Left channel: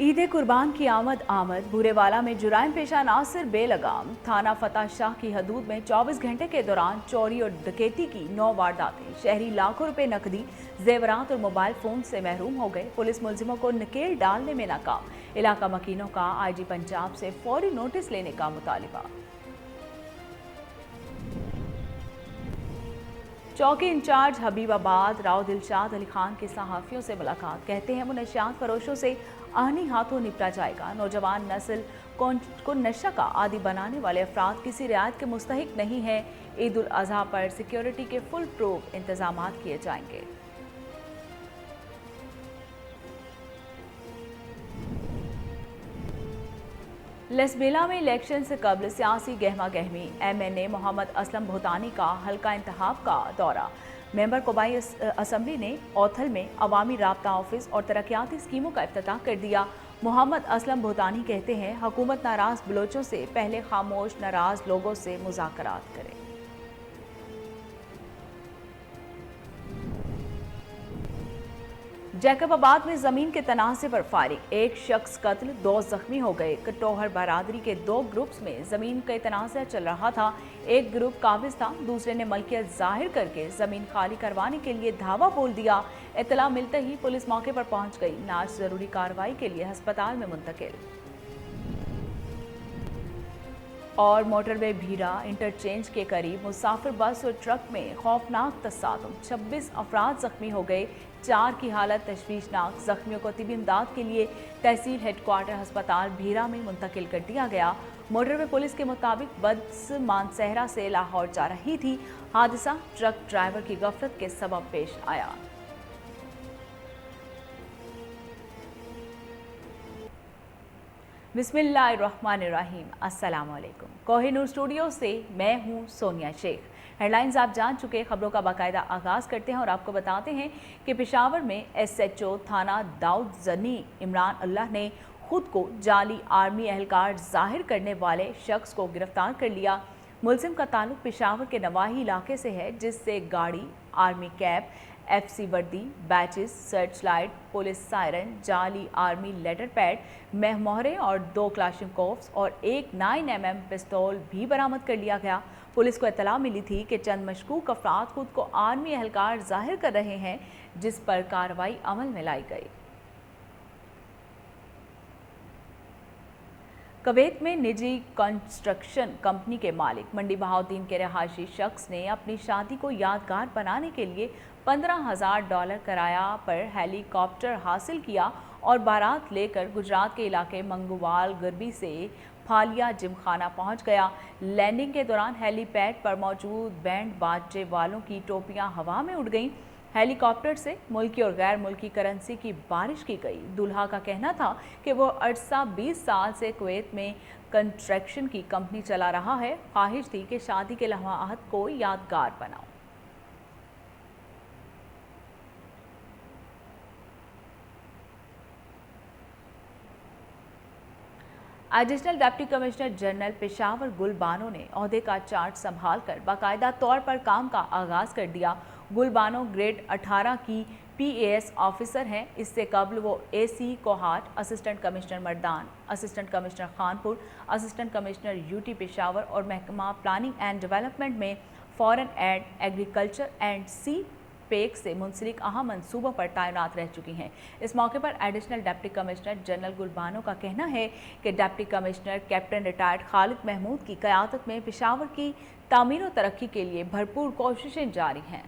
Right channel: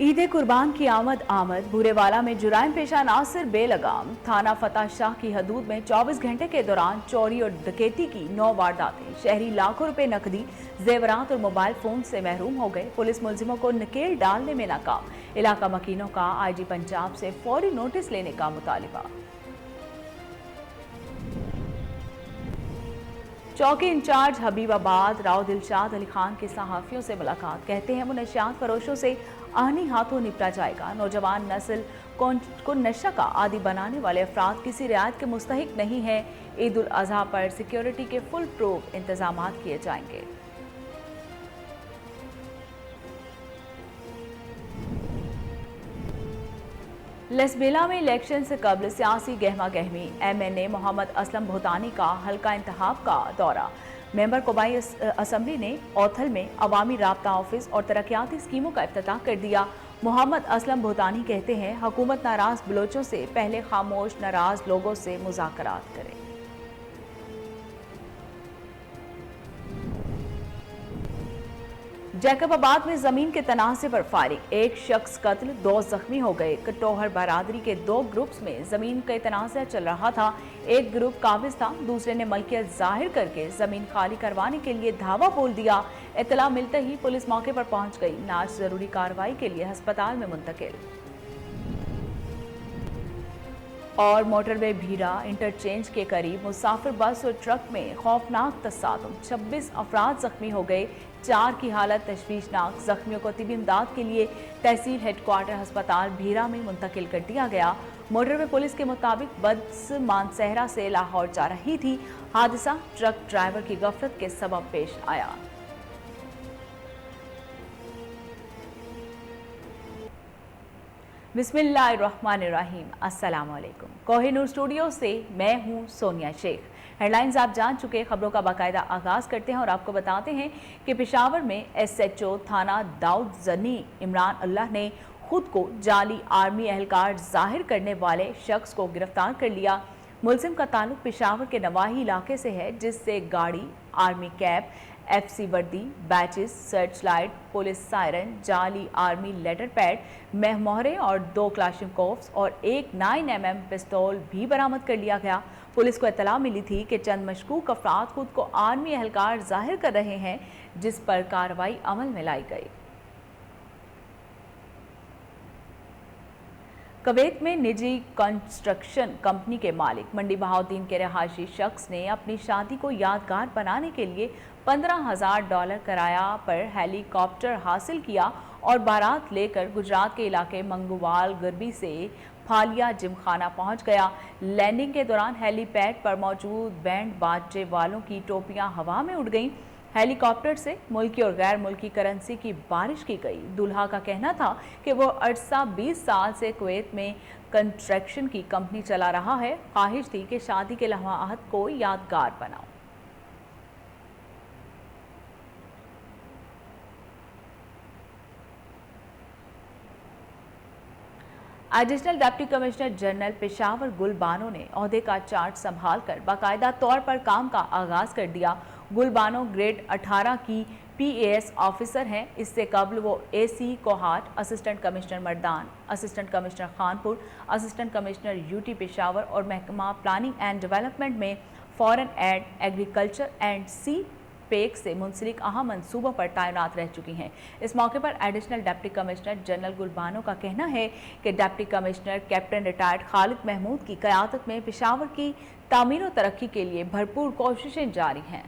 ईद कुर्बान की आमद भूरेवाला में जुराइम पेशा नासिर बेलगाम थाना फतेह शाह की हदूद में 24 घंटे के दौरान चोरी और डकैती की 9 वारदातें। शहरी लाखों रुपए नकदी, जेवरात और मोबाइल फोन से महरूम हो गए। पुलिस मुलजिमों को नकेल डालने में नाकाम। इलाका मकीनों का आईजी पंजाब से फौरी नोटिस लेने का मुतालिबा। चौकी इंचार्ज हबीबाबाद राव दिलशाद अली खान की सहाफियों से मुलाकात। कहते हैं वो नशियात फरोशों से आनी हाथों निपटा जाएगा। नौजवान नस्ल को नशा का आदि बनाने वाले अफराद किसी रियायत के मुस्तहिक नहीं है। ईद उल अजहा पर सिक्योरिटी के फुल प्रूफ इंतजाम किए जाएंगे। लसबेला में इलेक्शन से कबल सियासी गहमा गहमी। MNA मोहम्मद असलम भूतानी का हल्का इंतखाब का दौरा। मेंबर कौबाई असम्बली ने औथल में अवामी राब्ता ऑफिस और तरक्याती स्कीमों का इफ्तिताह कर दिया। मोहम्मद असलम भूतानी कहते हैं हुकूमत नाराज बलोचों से पहले खामोश नाराज लोगों से मुज़ाकरात करे। जैकबाबाद में जमीन के तनाज़े पर फायरिंग। एक शख्स कत्ल, 2 जख्मी हो गए। कटोहर बरादरी के 2 ग्रुप्स में जमीन का तनाज़ा चल रहा था। एक ग्रुप काबिज था, दूसरे ने मलकियत जाहिर करके जमीन खाली करवाने के लिए धावा बोल दिया। इत्तला मिलते ही पुलिस मौके पर पहुंच गई। नाश जरूरी कार्रवाई के लिए अस्पताल में मुंतकिल। और मोटरवे भीरा इंटरचेंज के करीब मुसाफिर बस और ट्रक में खौफनाक तसादुम। 26 अफराद जख्मी हो गए, 4 की हालत तशवीशनाक। जख्मियों को तिबी इमदाद के लिए तहसील हेडक्वार्टर अस्पताल भीरा में मुंतकिल कर दिया गया। मोटरवे पुलिस के मुताबिक बस मानसहरा से लाहौर जा रही थी। हादसा ट्रक ड्राइवर की गफलत के सबब पेश आया। बिस्मिल्लाहिर्रहमानिर्रहीम। अस्सलाम वालेकुम। कोहिनूर स्टूडियो से मैं हूं सोनिया शेख। हेडलाइंस आप जान चुके, खबरों का बाकायदा आगाज करते हैं और आपको बताते हैं कि पेशावर में SHO थाना दाऊद जनी इमरान अल्लाह ने खुद को जाली आर्मी एहलकार जाहिर करने वाले शख्स को गिरफ्तार कर लिया। मुलजिम का ताल्लुक पेशावर के नवाही इलाके से है, जिससे गाड़ी, आर्मी कैप, FC वर्दी, batches, search light, police siren, जाली आर्मी लेटर पैड, महमोहरे और 2 क्लाशनकोव्स और एक 9mm पिस्तौल भी बरामद कर लिया गया। पुलिस को इत्तला मिली थी कि चंद मशकूक अफराद खुद को आर्मी एहलकार जाहिर कर रहे हैं, जिस पर कार्रवाई अमल में लाई गई। कुवैत में निजी कंस्ट्रक्शन कंपनी के मालिक मंडी बहाउद्दीन के रहायशी शख्स ने अपनी शादी को यादगार बनाने के लिए $15,000 किराया पर हेलीकॉप्टर हासिल किया और बारात लेकर गुजरात के इलाके मंगूवाल गरबी से फालिया जिमखाना पहुंच गया। लैंडिंग के दौरान हेलीपैड पर मौजूद बैंड बाजे वालों की टोपियां हवा में उड़ गईं। हेलीकॉप्टर से मुल्की और गैर मुल्की करेंसी की बारिश की गई। दूल्हा का कहना था कि वो अरसा 20 साल से कुवैत में कंस्ट्रक्शन की कंपनी चला रहा है। ख्वाहिश थी कि शादी के लम्हात को यादगार बनाओ। Additional deputy commissioner general Peshawar गुल बानो ने ओहदे का चार्ज संभाल कर बाकायदा तौर पर काम का आगाज कर दिया। गुल बानो ग्रेड 18 की PAS ऑफिसर हैं। इससे कबल वो AC Kohat, assistant commissioner Mardan, assistant commissioner Khanpur, assistant commissioner UT Peshawar और महकमा प्लानिंग एंड डेवलपमेंट में foreign aid, agriculture and CPEC से मुंसलिक अहम मंसूबों पर तैनात रह चुकी हैं। इस मौके पर additional deputy commissioner general Gulbano का कहना है कि deputy commissioner captain retired Khalid Mahmood की क़यादत में पेशावर की तामीर और तरक्की के लिए भरपूर कोशिशें जारी हैं।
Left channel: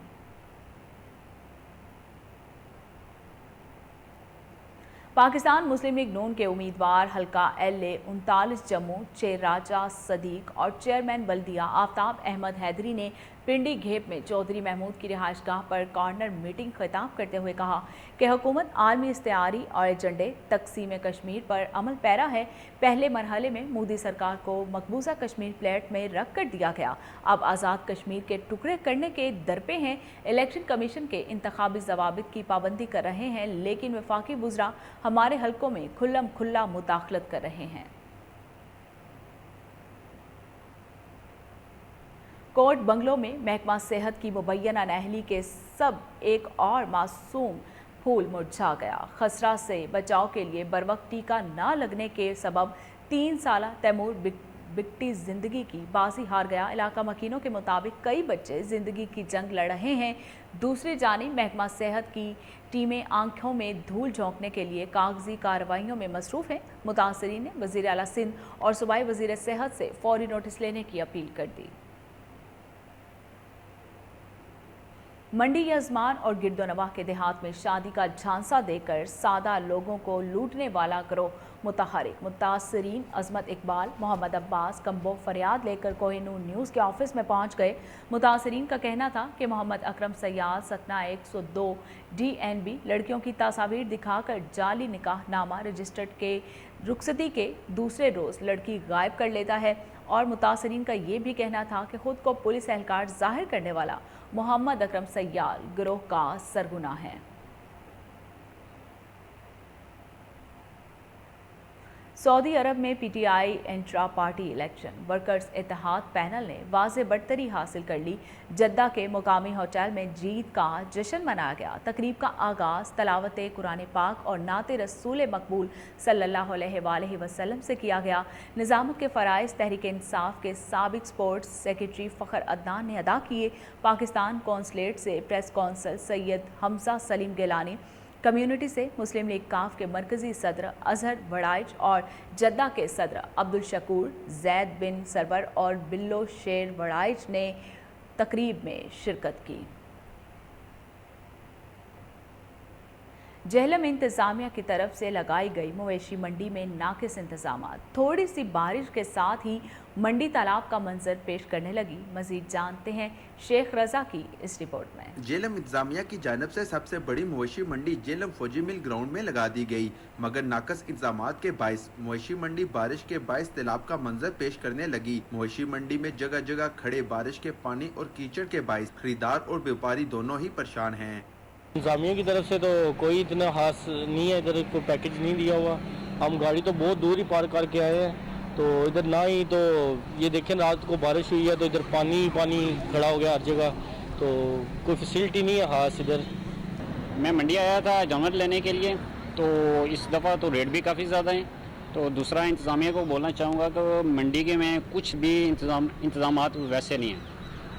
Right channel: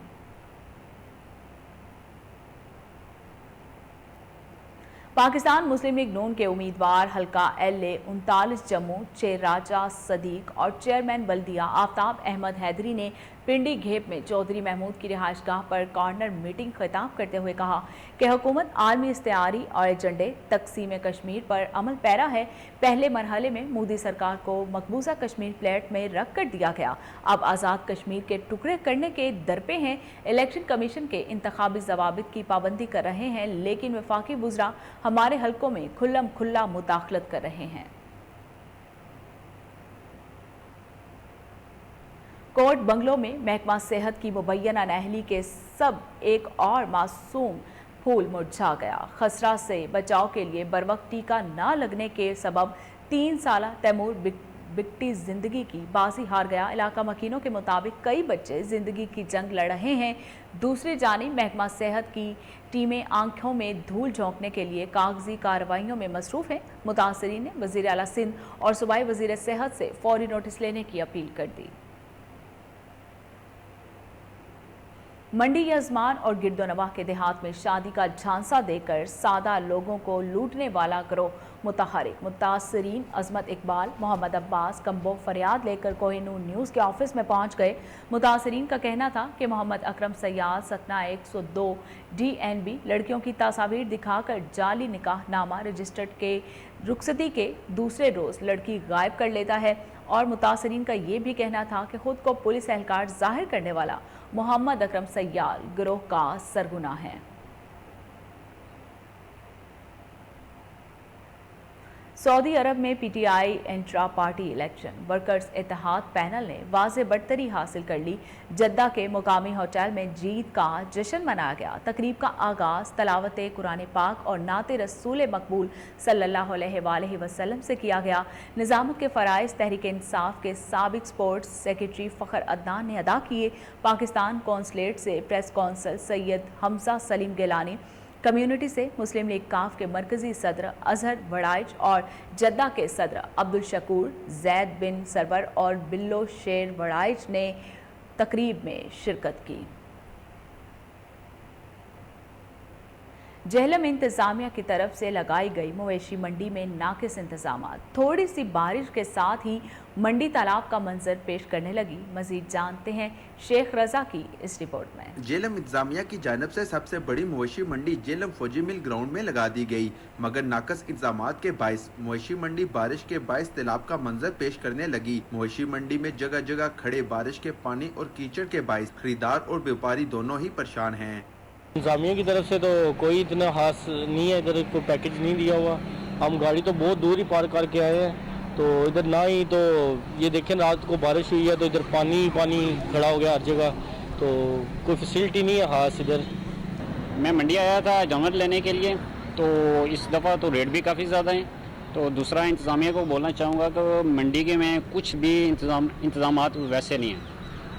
पाकिस्तान मुस्लिम लीग नून के उम्मीदवार हल्का LA 39 जम्मू चेयर राजा सदीक और चेयरमैन बल्दिया आफ्ताब अहमद हैदरी ने पिंडी घेप में चौधरी महमूद की रिहाइशगाह पर कॉर्नर मीटिंग खिताब करते हुए कहा कि हुकूमत आलमी इस्तेआरी और एजेंडे तकसीम कश्मीर पर अमल पैरा है। पहले मरहले में मोदी सरकार को मकबूजा कश्मीर प्लेट में रख कर दिया गया, अब आज़ाद कश्मीर के टुकड़े करने के दरपे हैं। इलेक्शन कमीशन के इंतखाबी जवाबित की पाबंदी कर रहे हैं, लेकिन वफाकी वुज़रा हमारे हलकों में खुल्लम खुल्ला मुदाखलत कर रहे हैं। कोर्ट बंगलों में महकमा सेहत की मुबैना नाअहली के सब एक और मासूम फूल मुरझा गया। खसरा से बचाव के लिए बरवक्त टीका न लगने के सबब 3 साल तैमूर बिकटी जिंदगी की बाजी हार गया। इलाका मकीनों के मुताबिक कई बच्चे जिंदगी की जंग लड़ रहे हैं। दूसरी जानिब महकमा सेहत की टीमें आंखों में धूल झोंकने के लिए कागजी कार्रवाइयों में मसरूफ है। मुतासरीन ने वजीर आला सिंध और सूबाई वजीर सेहत से फौरी नोटिस लेने की अपील कर दी। मंडी यजमान और गिरदोनवा के देहात में शादी का झांसा देकर सादा लोगों को लूटने वाला गिरोह मुतहरिक। मुतासरीन अजमत इकबाल, मोहम्मद अब्बास कम्बो फरियाद लेकर कोहिनूर न्यूज़ के ऑफिस में पहुंच गए। मुतासरीन का कहना था कि मोहम्मद अकरम सयाद सतना 102 DNB लड़कियों की तस्वीर दिखाकर जाली निकाहनामा रजिस्टर्ड के रुखसती के दूसरे रोज लड़की गायब कर लेता है। और मुतासरीन का ये भी कहना था कि खुद को पुलिस एहलकार जाहिर करने वाला मोहम्मद अकरम सयाद गिरोह का सरगना है। सऊदी अरब में PTI intra party election workers Ittehad panel ने वाज़े बढ़तरी हासिल कर ली। जद्दा के मुकामी होटल में जीत का जश्न मनाया गया। तकरीब का आगाज तलावत कुरान पाक और नाते रसूल मकबूल सल्लल्लाहु अलैहि वसल्लम से किया गया। निज़ामत के फ़राइज़ तहरीक इंसाफ के साबिक स्पोर्ट्स सेक्रेटरी फ़खर अदनान ने अदा किए। पाकिस्तान कौंसलेट से press counsel Syed Hamza Saleem Gilani, community से मुस्लिम लीग काफ के मरकजी सदर अजहर वड़ाइच और जद्दा के सदर अब्दुल शकूर जैद बिन सरवर और बिल्लो शेर वड़ाइच ने तकरीब में शिरकत की। जेहलम इंतजामिया की तरफ से लगाई गई मवेशी मंडी में नाकिस इंतजाम। थोड़ी सी बारिश के साथ ही मंडी तालाब का मंजर पेश करने लगी। मजीद जानते हैं शेख रजा की इस रिपोर्ट में। जेहलम इंतजामिया की जानब से सबसे बड़ी मवेशी मंडी जेहलम फौजी मिल ग्राउंड में लगा दी गई, मगर नाकस इंतजामात के बायस मवेशी मंडी बारिश के बायस तालाब का मंजर पेश करने लगी। मवेशी मंडी में जगह जगह खड़े बारिश के पानी और कीचड़ के बायस खरीदार और व्यापारी दोनों ही परेशान हैं। इंतजामिया की तरफ से तो कोई इतना खास नहीं है, इधर कोई पैकेज नहीं दिया हुआ। हम गाड़ी तो बहुत दूर ही पार करके आए हैं, तो इधर ना ही तो ये देखें रात को बारिश हुई है तो इधर पानी खड़ा हो गया हर जगह, तो कोई फैसिलिटी नहीं है खास इधर। मैं मंडी आया था जानवर लेने के लिए, तो इस दफ़ा तो रेट भी काफ़ी ज़्यादा हैं। तो दूसरा इंतज़ामिया को बोलना चाहूँगा तो मंडी के में कुछ भी इंतज़ामात वैसे नहीं हैं,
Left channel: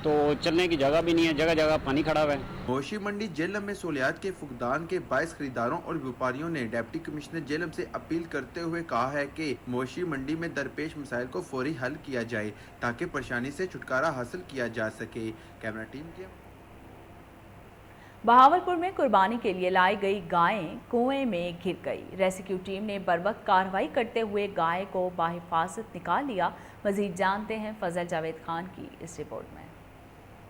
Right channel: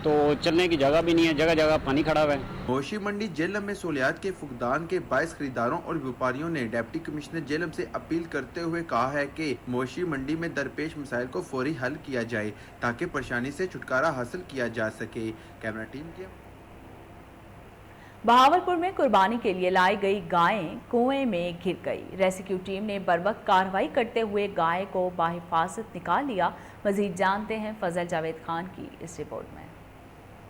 तो चलने की जगह भी नहीं है, जगह जगह पानी खड़ा हुआ है। मवेशी मंडी जेहलम में सहूलियात के फुकदान के बायस खरीदारों और व्यापारियों ने डिप्टी कमिश्नर जेहलम से अपील करते हुए कहा है कि मवेशी मंडी में दरपेश मसाइल को फौरी हल किया जाए ताकि परेशानी से छुटकारा हासिल किया जा सके। कैमरा टीम के बहावलपुर में कुर्बानी के लिए लाई गई गायें कुएं में गिर गई। रेस्क्यू टीम ने बरवक्त कार्रवाई करते हुए गाय को बाहिफाजत निकाल लिया। मजीद जानते हैं फजल जावेद खान की इस रिपोर्ट में।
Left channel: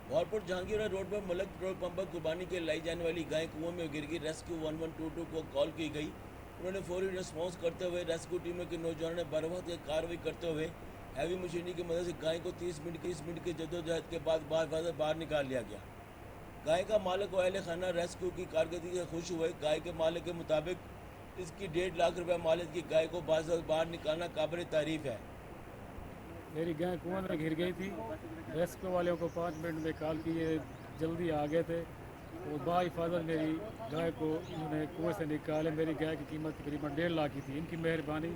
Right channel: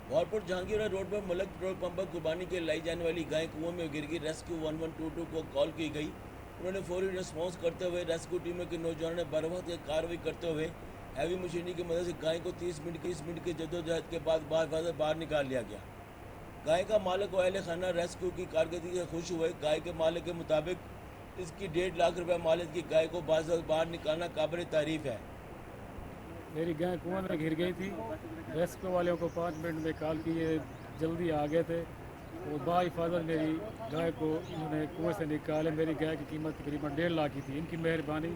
बहावलपुर जहांगीर रोड पर मलक पेट्रोल पंप पर कुर्बानी के लाई जाने वाली गाय कुएं में गिर गई। रेस्क्यू 1122 को कॉल की गई। उन्होंने फौरी रिस्पॉन्स करते हुए रेस्क्यू टीम के नौजवानों ने बरवक्त कार्रवाई करते हुए हैवी मशीनरी की मदद से गाय को 30 मिनट की जद्दोजहद के बाद बाहर निकाल लिया गया। गाय का मालिक व अहले खाना रेस्क्यू की कारकर्दगी से खुश हुए। गाय के मालिक के मुताबिक इसकी 1.5 लाख रुपए मालिक की गाय को बाहर निकालना काबिल तारीफ है। मेरी गाय कुआं में गिर गई थी। रेस्क्यू वालों को 5 मिनट में कॉल किए, जल्दी आ गए थे और बाहिफाजत मेरी गाय को इन्होंने कुएं से निकाले। मेरी गाय की कीमत तकरीबन 1.5 लाख की थी। इनकी मेहरबानी,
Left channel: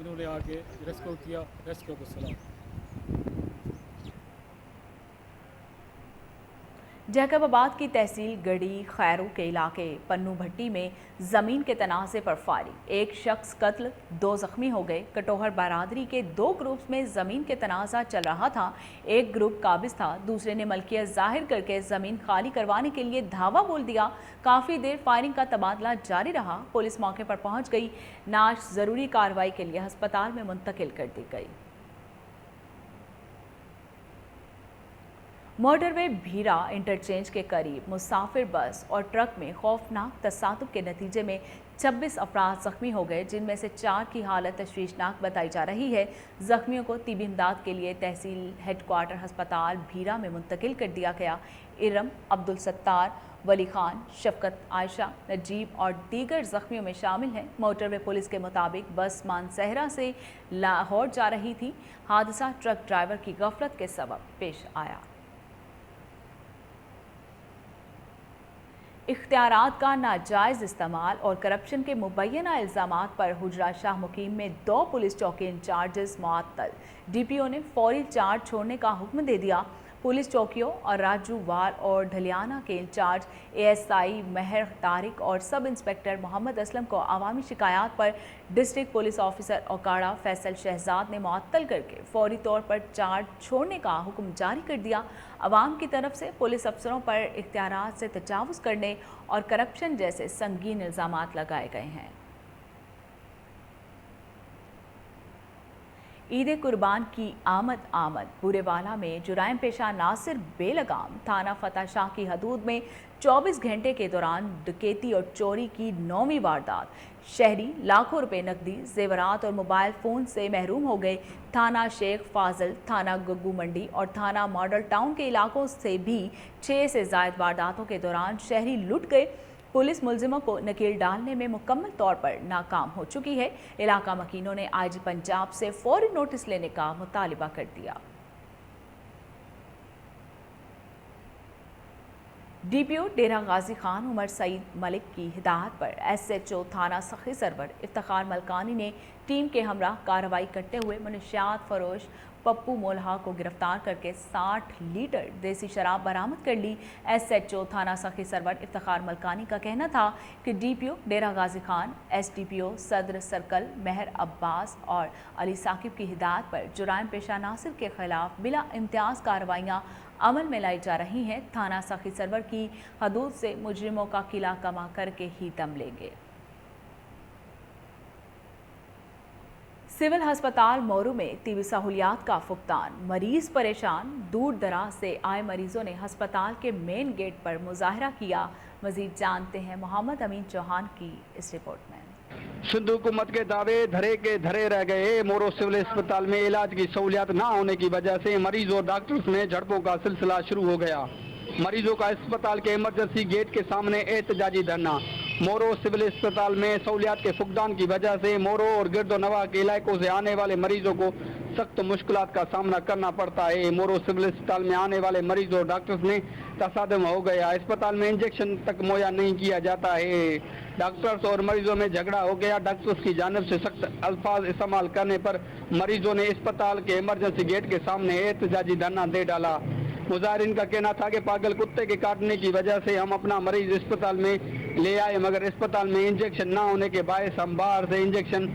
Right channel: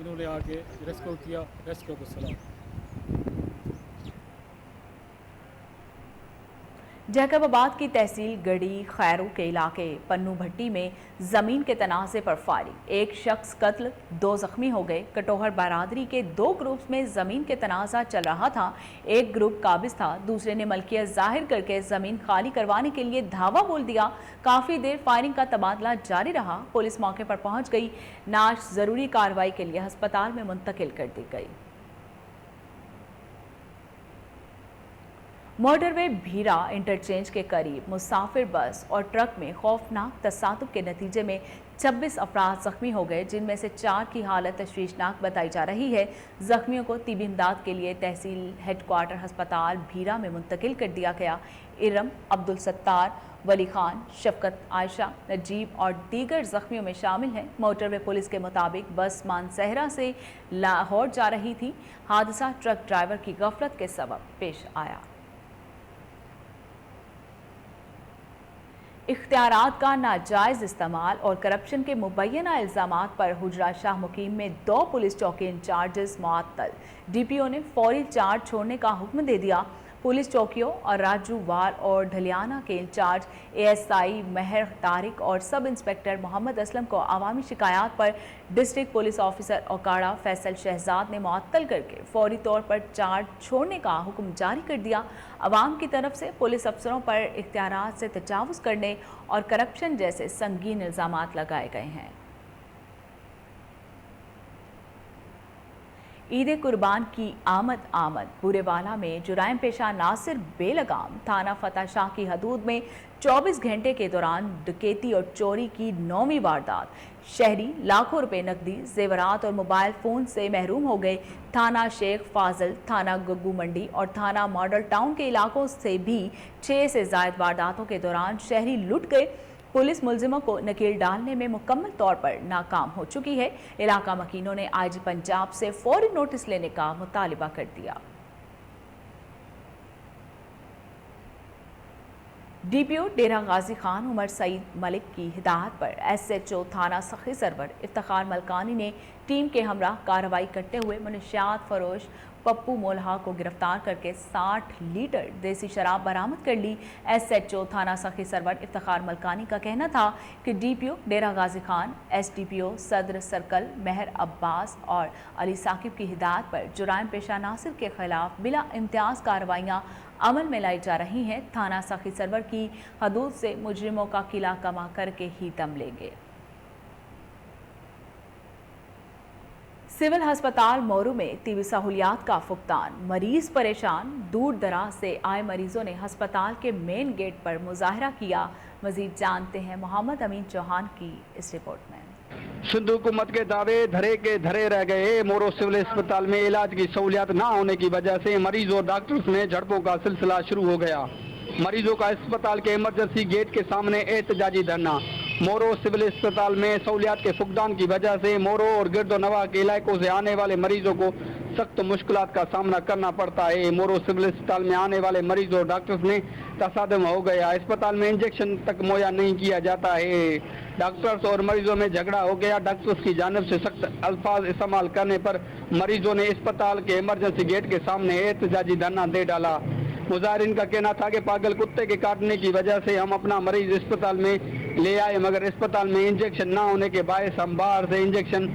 इन्होंने आके रेस्क्यू किया। रेस्क्यू को सलाम। जैकबाबाद की तहसील गढ़ी खैरू के इलाके पन्नू भट्टी में जमीन के तनाज़े पर फायरिंग। एक शख्स कत्ल, 2 जख्मी हो गए। कटोहर बरादरी के 2 ग्रुप्स में जमीन के तनाज़ा चल रहा था। एक ग्रुप काबिज था, दूसरे ने मलकियत जाहिर करके जमीन खाली करवाने के लिए धावा बोल दिया। काफी देर फायरिंग का तबादला जारी रहा। पुलिस मौके पर पहुंच गई। नाश जरूरी कार्रवाई के लिए अस्पताल में मुंतकिल कर दी गई। मोटरवे भीरा इंटरचेंज के करीब मुसाफिर बस और ट्रक में खौफनाक तसादुम के नतीजे में 26 अफराद जख्मी हो गए, जिनमें से 4 की हालत तशवीशनाक बताई जा रही है। जख्मियों को तिबी इमदाद के लिए तहसील हेडक्वार्टर अस्पताल भीरा में मुंतकिल कर दिया गया। इरम, अब्दुल सत्तार, वली खान, शफकत आयशा, नजीब और दीगर जख्मियों में शामिल हैं। मोटरवे पुलिस के मुताबिक बस मानसहरा से लाहौर जा रही थी। हादसा ट्रक ड्राइवर की गफलत के सबब पेश आया। इख्तियारात का नाजायज इस्तेमाल और करप्शन के मुबैना इल्जामात पर हुजरा शाह मुकीम में 2 पुलिस चौकी इंचार्जेस मुअत्तल। डीपीओ ने फौरी चार्ज छोड़ने का हुक्म दे दिया। पुलिस चौकियों और राजू वाल और ढलियाना के इंचार्ज एएसआई महर तारिक और सब इंस्पेक्टर मोहम्मद असलम को अवामी शिकायत पर district police officer Okara Faisal Shahzad ने मुअत्तल करके फौरी तौर पर चार्ज छोड़ने का हुक्म जारी कर दिया। अवाम की तरफ से पुलिस अफसरों पर इख्तियारात से तजावुज़ करने और करप्शन जैसे संगीन इल्जामात लगाए गए हैं। ईद कुर्बान की आमद बुरेवाला में जुराइम पेशा नासिर बेलगाम थाना फतेह शाह की हदूद में 24 घंटे के दौरान डकैती और चोरी की 9वीं वारदात। शहरी लाखों रुपए नकदी, जेवरात और मोबाइल फोन से महरूम हो गए। थाना शेख फाजल, थाना गग्गू मंडी और थाना मॉडल टाउन के इलाकों से भी 6 से ज्यादा वारदातों के दौरान शहरी लुट गए। पुलिस मुलजिमों को नकेल डालने में मुकम्मल तौर पर नाकाम हो चुकी है। इलाका मकीनों ने आईजी पंजाब से फौरी नोटिस लेने का मुतालिबा कर दिया। डीपीओ डेरा गाजी खान उमर सईद मलिक की हिदायत पर एसएचओ थाना सखी सरवर इफ्तिखार मलकानी ने टीम के हमरा कार्रवाई करते हुए मुनशियात फरोश पप्पू मोल्हा को गिरफ्तार करके 60 लीटर देसी शराब बरामद कर ली। एसएचओ थाना सखी सरवर इफ्तिखार मलकानी का कहना था कि डीपीओ डेरा गाजी खान, एसडीपीओ सदर सर्कल महर अब्बास और अली साकिब की हिदायत पर जुराइम पेशा नासिर के खिलाफ बिला इम्तियाज कार्रवाइयाँ अमल में लाई जा रही हैं। थाना सखी सरवर की हदूद से मुजरिमों का किला कमा करके ही दम लेंगे। सिविल अस्पताल मोरू में तीवी सहूलियात का फुकदान, मरीज परेशान। दूर दराज से आए मरीजों ने अस्पताल के मेन गेट पर मुजाहरा किया। मजीद जानते हैं मोहम्मद अमीन चौहान की इस रिपोर्ट में। सिंध हुकूमत के दावे धरे के धरे रह गए। मोरो सिविल अस्पताल में इलाज की सहूलियात न होने की वजह से मरीज और डॉक्टर्स में झड़पों का सिलसिला शुरू हो गया। मरीजों का अस्पताल के इमरजेंसी गेट के सामने एहतजाजी धरना। मोरो सिविल अस्पताल में सहूलियात के फुकदान की वजह से मोरो और गिरदोनवा के इलाकों से आने वाले मरीजों को सख्त मुश्किलात का सामना करना पड़ता है। मोरो सिविल अस्पताल में आने वाले मरीज और डॉक्टर्स में तसादम हो गया। अस्पताल में इंजेक्शन तक मुहैया नहीं किया जाता है। डॉक्टर्स और मरीजों में झगड़ा हो गया। डॉक्टर्स की जानिब से सख्त अल्फाज इस्तेमाल करने पर मरीजों ने अस्पताल के इमरजेंसी गेट के सामने एहतजाजी धरना दे डाला। मुजाहिरीन का कहना था कि पागल कुत्ते के काटने की वजह से हम अपना मरीज अस्पताल में ले आए, मगर अस्पताल में इंजेक्शन ना होने के बायस हम बाहर से इंजेक्शन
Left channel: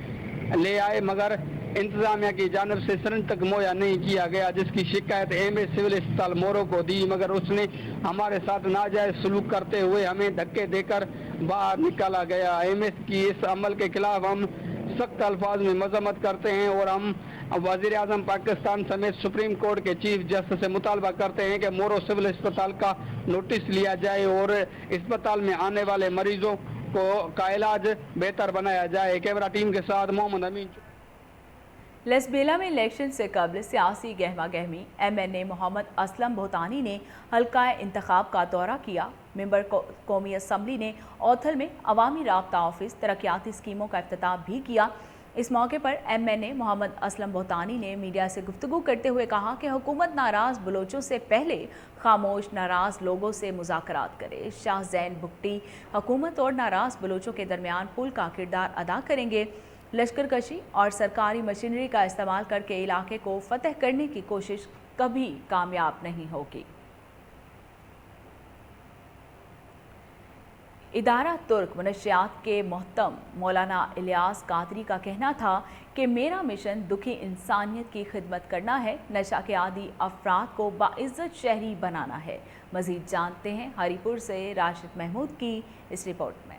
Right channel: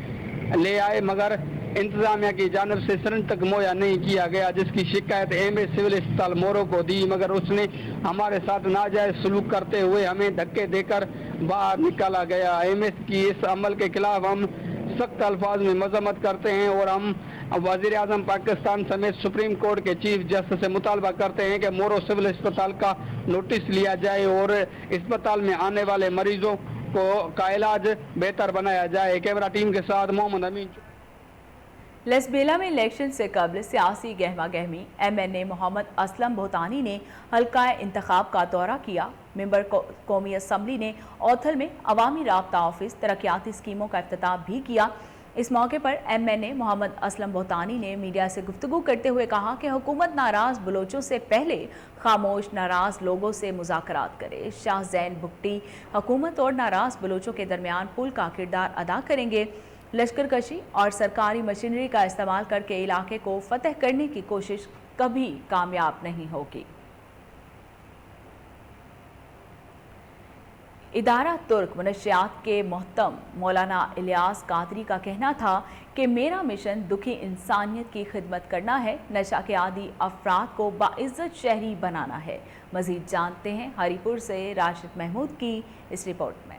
ले आए, मगर इंतजामिया की जानिब से सिरिंज तक मुहैया नहीं किया गया, जिसकी शिकायत एमए सिविल अस्पताल मोरो को दी, मगर उसने हमारे साथ नाजायज सलूक करते हुए हमें धक्के देकर बाहर निकाला गया। एमएस की इस अमल के खिलाफ हम सख्त अल्फाज में मजम्मत करते हैं और हम वज़ीर आज़म पाकिस्तान समेत सुप्रीम कोर्ट के चीफ जस्टिस से मुतालबा करते हैं कि मोरो सिविल अस्पताल का नोटिस लिया जाए और अस्पताल में आने वाले मरीजों का इलाज बेहतर बनाया जाए। कैमरा टीम के साथ मोहम्मद अमीन। लसबेला में इलेक्शन से कबल सियासी गहमा गहमी। एमएनए मोहम्मद असलम भोतानी ने हल्का इंतखाब का दौरा किया। मेंबर कौमी असम्बली ने औथल में अवामी राब्ता ऑफिस तरक्याती स्कीमों का इफ्तिताह भी किया। इस मौके पर एमएनए मोहम्मद असलम भोतानी ने मीडिया से गुफ्तगू करते हुए कहा कि हुकूमत नाराज बलोचों से पहले खामोश नाराज लोगों से मुज़ाकरात करे। शाह जैन भुट्टी हुकूमत और नाराज बलोचों के दरमियान पुल का किरदार अदा करेंगे। लश्कर कशी और सरकारी मशीनरी का इस्तेमाल करके इलाके को फतह करने की कोशिश कभी कामयाब नहीं होगी। इदारा तुर्क मनशियात के मोहतम मौलाना इलियास कादरी का कहना था कि मेरा मिशन दुखी इंसानियत की खिदमत करना है, नशा के आदी अफराद को बाइज्जत शहरी बनाना है। मजीद जानते हैं हरीपुर से राशिद महमूद की इस रिपोर्ट में।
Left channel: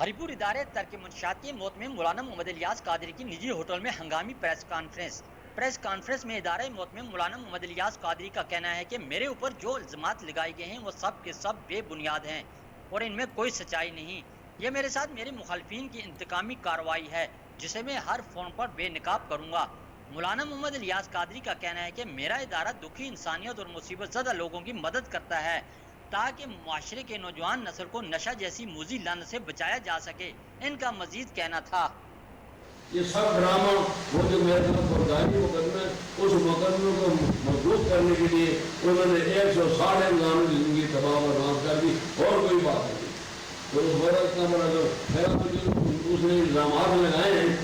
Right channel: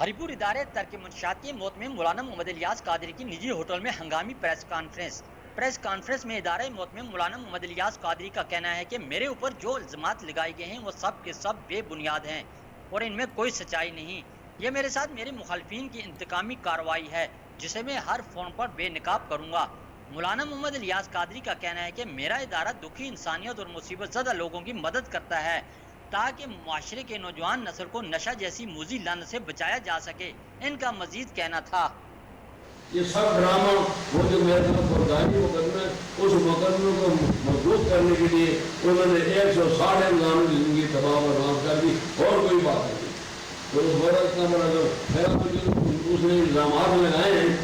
हरीपुर इदारे तर्क मुनशियात के मोहतमिम मौलाना मोहम्मद इलियास कादरी की निजी होटल में हंगामी प्रेस कॉन्फ्रेंस में इदारे मोहतमिम मौलाना मोहम्मद इलियास कादरी का कहना है कि मेरे ऊपर जो इल्जामात लगाए गए हैं वो सब के सब बेबुनियाद हैं और इनमें कोई सच्चाई नहीं। ये मेरे साथ मेरे मुखालफिन की इंतकामी कार्रवाई है जिसे मैं हर फोन पर बेनकाब करूंगा। मौलाना मोहम्मद इलियास कादरी का कहना है कि मेरा इदारा दुखी इंसानियत और मुसीबत ज़दा लोगों की मदद करता है ताकि मुआशरे के नौजवान नस्ल को नशा जैसी मुज़िल लानत से बचाया जा सके। इनका मजीद कहना था, ये सब ड्रामा वो जो मेरे तरफ फौजदारी मुकदमे उस मुकदमे को मजबूत करने के लिए उन्होंने 160 इंसान की जिंदगी तबाह बर्बाद कर दी और कोई बात नहीं। तो बड़ा इतना बड़ा जो मेरा उसने इल्जाम लगाए हैं,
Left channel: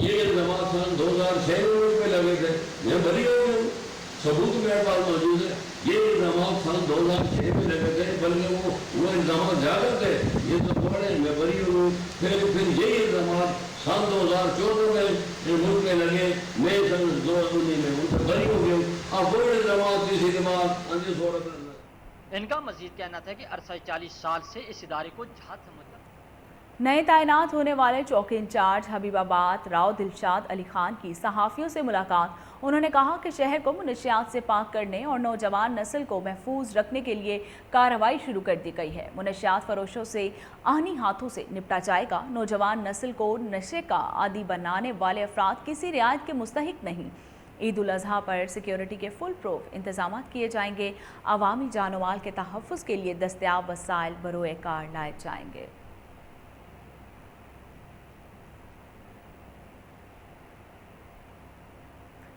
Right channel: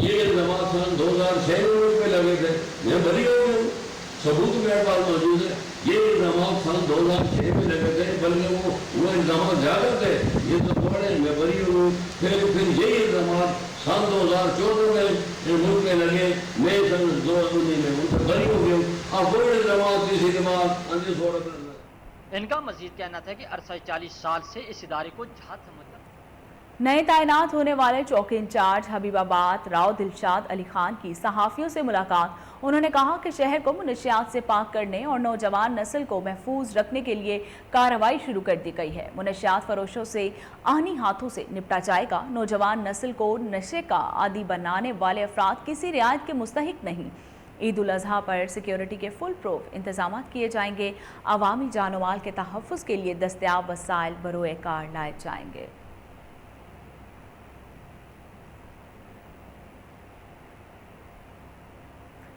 ये इल्जाम सन 2006 में लगे थे, मैं बरी हो गया, सबूत मेरे पास मौजूद है। ये इल्जाम सन 2006 में लगे थे, बल्कि वो इल्जाम ज्यादा थे, ये तो बड़े मैं बरी हो गई। फिर ये इल्जाम सन 2014 में मुल्क में लगे, मैं सन 2019 में उनसे बरी हो गया। अब वो इल्जाम किसी दिमाग अंजी सूरत इनका मजीद कहना था कि अरसा 40 साल से इस इदारे को जहाज समझता। नए तैनात होने वाले चौकी इंचार्ज हबीबाबाद राव दिलशाद अली खान की सहाफियों से मुलाकात। उन्होंने कहा कि शहर को मुनशियात से पाक करने और नौजवान नस्ल को महफूज रखने के लिए कार्रवाई शुरू कर दी गई है। मुनशियात फरोशों से आहनी हाथों से निपटा जाएगा। नौजवान नस्ल को नशे का आदी बनाने वाले अफराद किसी रियायत के मुस्तहिक नहीं। ईद उल अजहा पर सिक्योरिटी के फुल प्रूफ इंतजाम किए जाएंगे। अवामी जानो माल के तहफ़्फ़ुज़ के लिए दस्तयाब वसाइल बरोए कार लाए जाएंगे।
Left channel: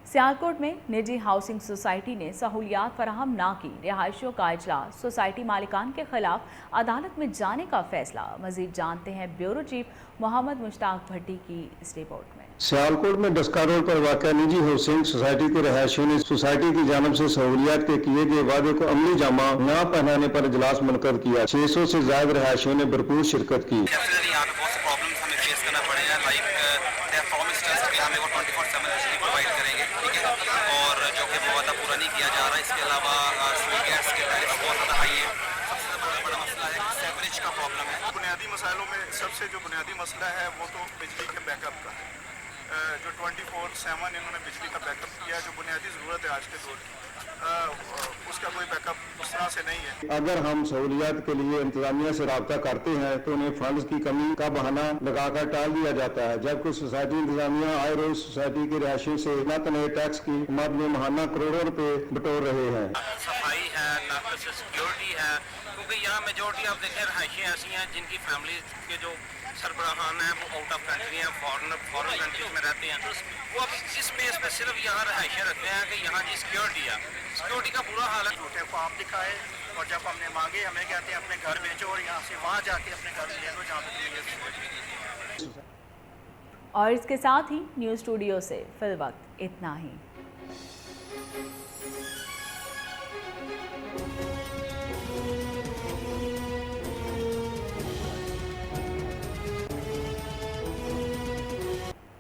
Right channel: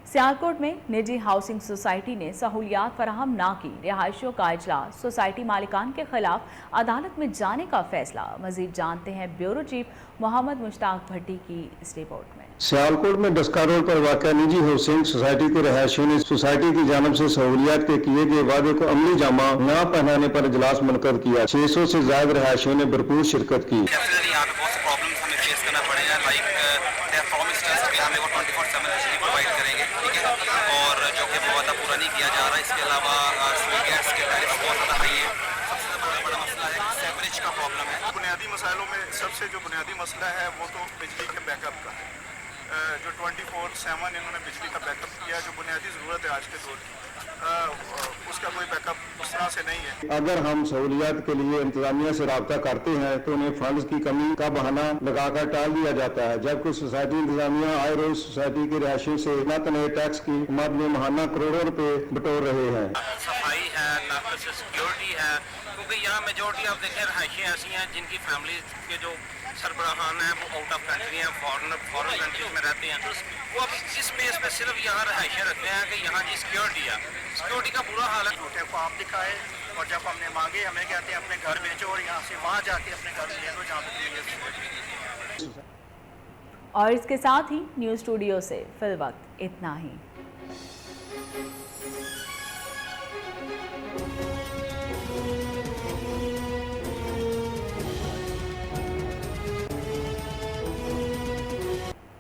सियालकोट में निजी हाउसिंग सोसाइटी ने सहूलियात फराहम ना की। रिहायशियों का इजलास, सोसाइटी मालिकान के खिलाफ अदालत में जाने का फैसला। मजीद जानते हैं ब्यूरो चीफ मोहम्मद मुश्ताक भट्टी की इस रिपोर्ट में। सियालकोट में डस्का रोड पर वाक़या निजी हाउसिंग सोसाइटी के रहायशियों ने सोसाइटी की जानब से सहूलियात के किए गए वादे को अमली जामा न पहनाने पर इजलास मुनक़द किया। 600 से ज्यादा रहायशियों ने भरपूर शिरकत की। सबसे जो बुनियादी मसला है वो तो बिजली के बैकअप का है। जो 24/7 इन्होंने बिजली का बैकअप किया, जो बुनियादी ज़रूरत है आज के दौर की, उसका कोई बैकअप उस तरह से नहीं है। अगर हम सहूलियात के लिए इंतजामिया से रब्ता करते हैं तो उन्हें फंड्स की कमी का बहाना लगाकर टाल दिया जाता है, जबकि सोसाइटी इंतजामिया आए रोज सोसाइटी के रहायशियों से न तनहे टैक्स की मद में महाना करोड़ों रुपए बटोर रहे हैं। सफाई है, नाकस सिक्योरिटी है, क्योंकि यहाँ मेजोरिटी आप देखें रहायशी ऐसी हैं जिनकी फैमिली के जो सरबराहान हैं वो आउट ऑफ कंट्री हैं, फॉरेन कंट्रीज में रहते हैं। तो वो अब इस बेस पे सिर्फ यहाँ रहायशें रखते हैं कि यहाँ की सिक्योरिटी है, सिक्योरिटी का बुरा हाल है। छोटे को आप दिखाए और जब हमने मांगे हमें कहते हैं अपने घर बेचो और यहाँ से वहाँ जाके अपने घर ले लो जहाँ पे। और इसके साथ ही न्यूज़ स्टूडियो से फिल वक्त इतना ही।